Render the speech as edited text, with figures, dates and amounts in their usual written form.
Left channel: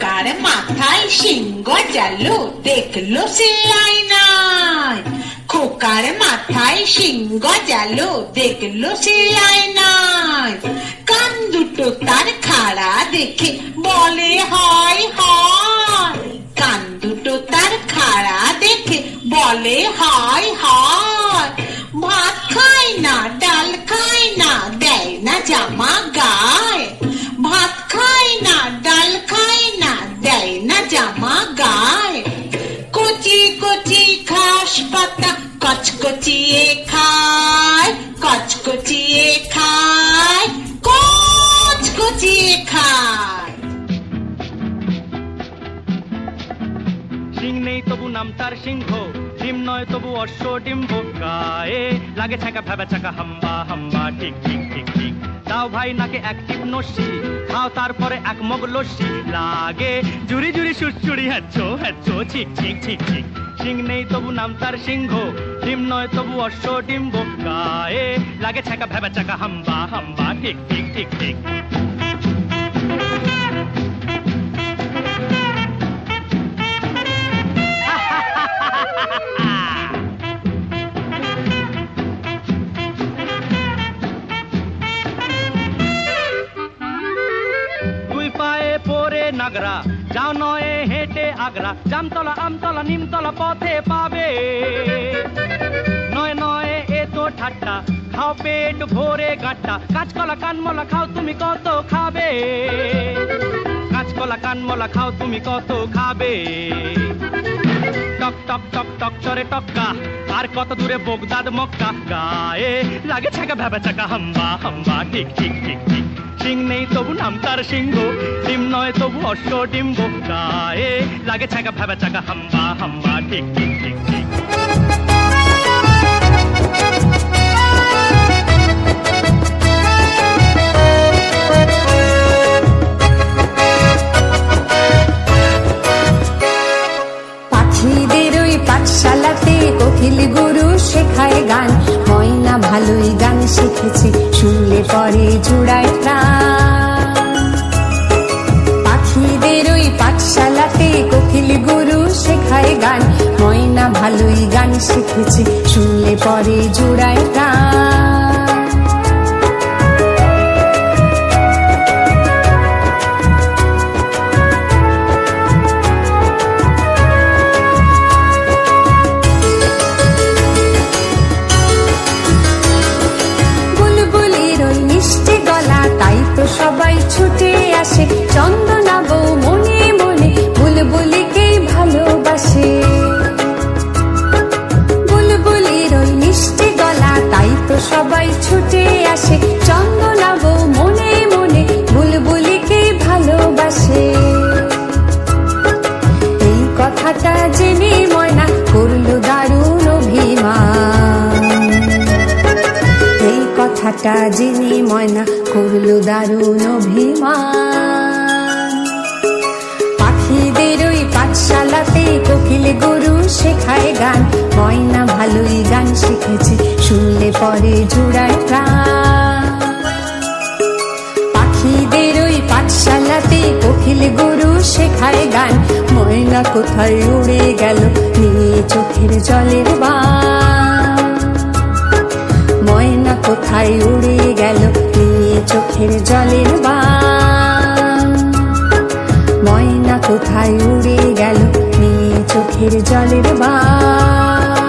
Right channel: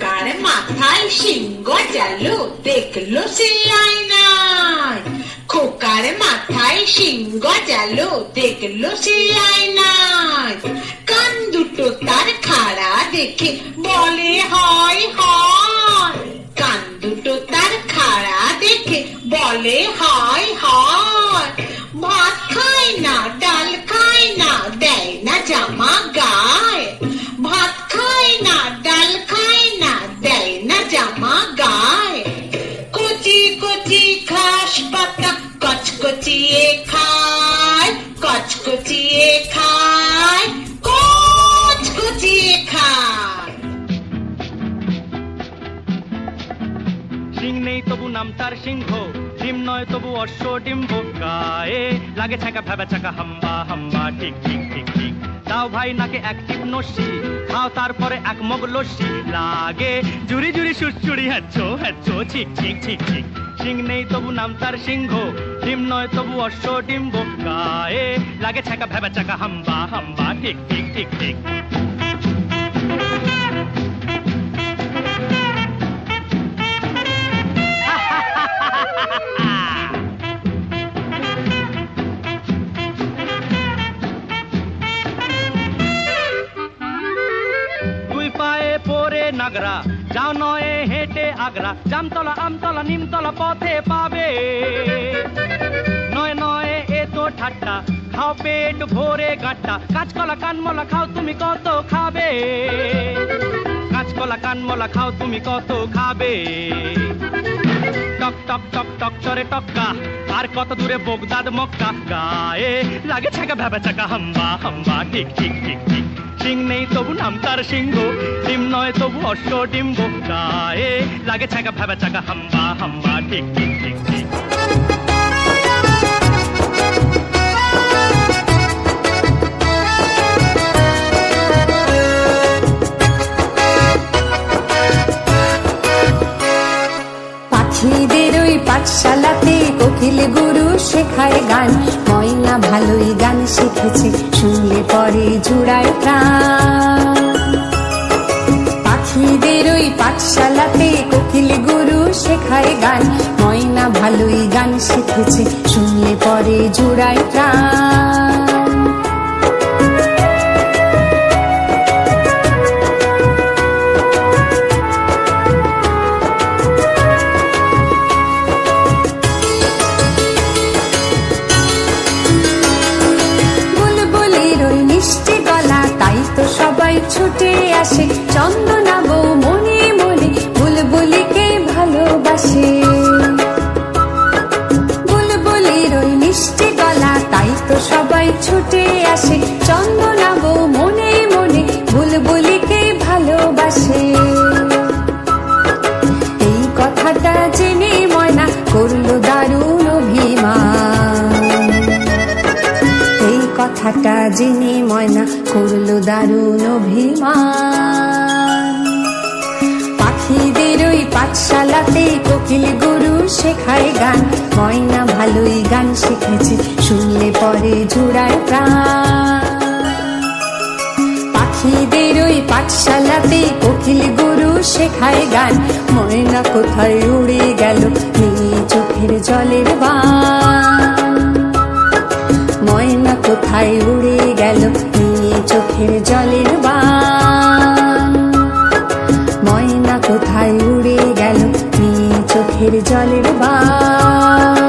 খোকার মাথায় সিংহ জালো দেখলো সে আয়নায়। খোকার মাথায় সিংহ জালো দেখলো সে আয়নায়। কান দুটো তার খাড়া দেখে বলে হয় হয়। কান দুটো তার খাড়া দেখে বলে হয় হয়। ভাত খায় না ডাল খায় না দেয় না জামা গায়। ভাত খায় না ডাল খায় না দেয় না জামা গায়। কচি কচি ঘাস পাতা কচকচিয়ে খায়। কচকচিয়ে খায় কচকচিয়ে খায়। সিং নেই তবু নাম তার সিংহ, ডিম নয় তবু অশ্ব ডিম্ব। গায়ে লাগে ছাকা ভেবে ছাকা হাম্বা হাম্বা ঠিক ঠিক ঠিক ঠিক। দাও ভাই নাকে এক টিপ নস্যি, খাও তারপরে এক মগ লস্যি। লাগে জুড়ি জুড়ি সুরচুরি হ্যাচ্ছো হ্যাচ্ছো ঠিক ঠিক ঠিক ঠিক। সিং নেই তবু নাম তার সিংহ, ডিম নয় তবু অশ্ব ডিম্ব। গায়ে লাগে ছাকা ভেবে ছাকা হাম্বা হাম্বা ঠিক ঠিক ঠিক ঠিক। নাগরা যাও নয় হেঁটে আগ্রা। জামতলা আমতলা নিমতলা পথে পাবে। নয় নয় এ তো ঠাট্টা, খাও পেট ভরে গাঁটটা। কাঁচকলা কানমলা খাও তুমি কত খাবে। কাঁচকলা কানমলা খাও তুমি কত খাবে। টক টক টক টক চরে টক্কা, আর কত দূরে বগদাদ মক্কা। গায়ে লাগে ছাকা ভেবে ছাকা হাম্বা হাম্বা ঠিক ঠিক ঠিক ঠিক। সিং নেই তবু নাম তার সিংহ, ডিম নয় তবু অশ্ব ডিম্ব। গায়ে লাগে ছাকা ভেবে ছাকা হাম্বা হাম্বা ঠিক ঠিক ঠিক ঠিক। পাখিদের ওই পাঠশালাতে কোকিল গুরু শেখায় গান। ময়না ভালোই গান শিখেছে, শুনলে পরে জুড়ায় প্রাণ। পাখিদের ওই পাঠশালাতে কোকিল গুরু শেখায় গান। ময়না ভালোই গান শিখেছে, শুনলে পরে জুড়ায় প্রাণ। মিষ্টি গলা তাই তো সবাই ছুটে আসে। চন্দনা বউ মনে মনে বুলবুলিকে ভালোবাসে। বুলবুলির ওই মিষ্টি গলা তাই তো সবাই ছুটে আসে। চন্দনা বউ মনে মনে বুলবুলিকে ভালোবাসে। এই কথাটা জেনে ময়না করলো দারুণ অভিমান। এই কথাটা জেনে ময়না করলো দারুণ অভিমান। পাখিদের ওই পাঠশালাতে কোকিল গুরু শেখায় গান। ময়না ভালোই গান শিখেছে, শুনলে পরে জুড়ায় প্রাণ। পাখিদের ওই পাঠশালাতে কোকিল গুরু শেখায় গান। ময়না কোথায় উড়ে গেল নিয়ে চোখের জলের বান। ময়না কোথায় উড়ে গেল নিয়ে চোখের জলের বান। ময়না কোথায় উড়ে গেল নিয়ে চোখের জলের বান।